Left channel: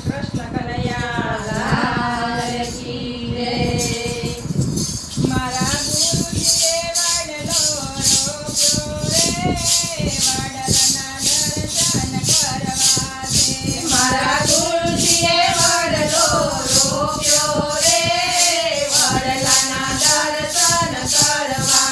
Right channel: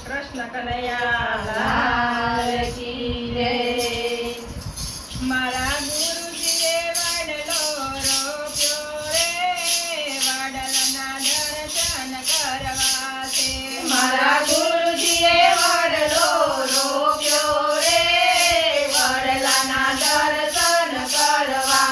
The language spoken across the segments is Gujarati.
કૃષ્ણ કનૈયા લાલ કી રે મારા ગુરુજીએ વાડલો રોપ્યો રે, વાડલના દર્શન કરવા દે મારા ગુરુજીએ વાડલો રોપ્યો રે વાડલાના દર્શન કરવા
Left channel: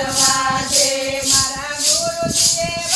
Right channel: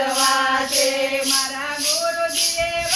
ભગવાતે મારા ગુરુજીએ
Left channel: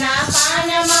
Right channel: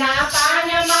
నా పానమా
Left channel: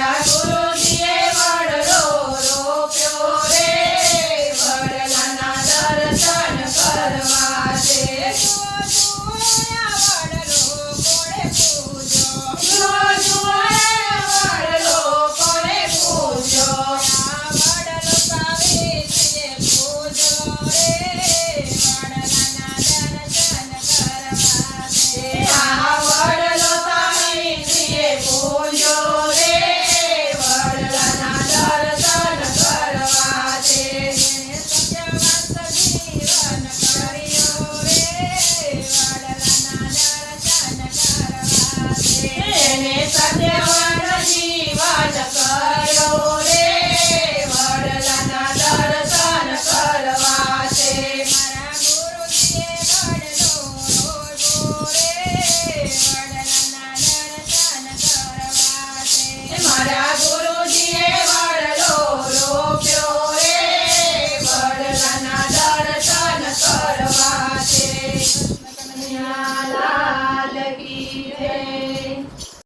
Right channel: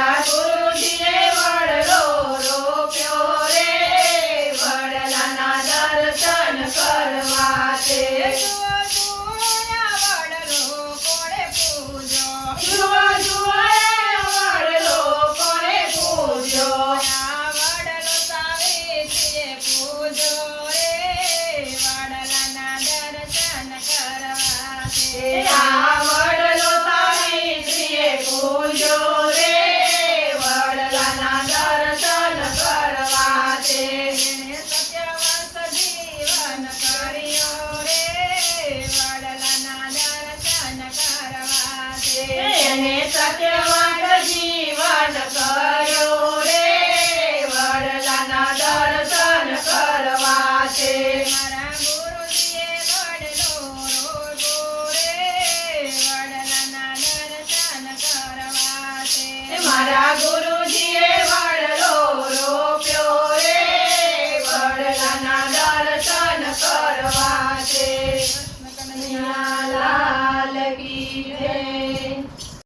adorou.